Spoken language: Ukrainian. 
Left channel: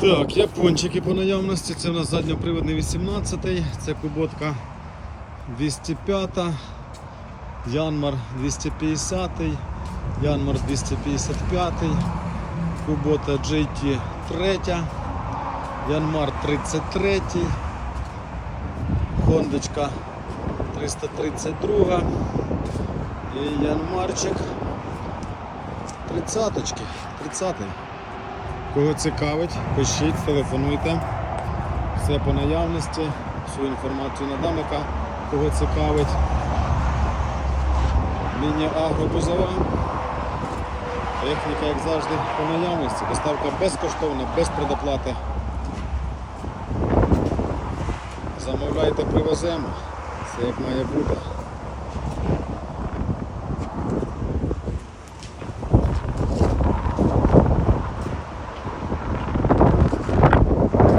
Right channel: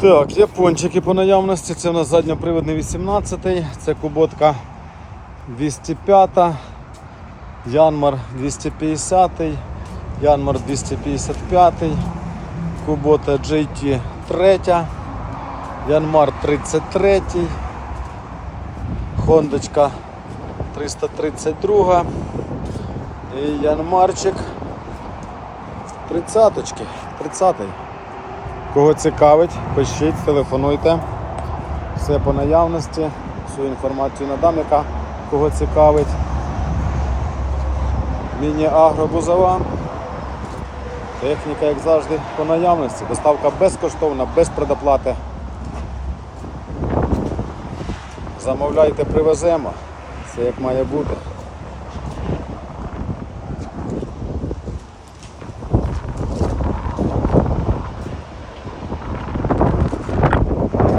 Так, япончики по наявності. Це у нас задньоприводний 18 це куботка 205, Янмар 250, Янмар 255, Кубота GT 3, Янмар 33, Хондочка 332 і Янмарчик 30-ки, 30-й. Кого цікавить, пишіть, телефонуйте. Все по наявності, всю інформацію надам, яка кого цікавить. Міні-агро бузова. Техніка, як завжди, по наявності. Доставка безкоштовна, без предоплати. Замовляйте, привеземо. Все як має бути.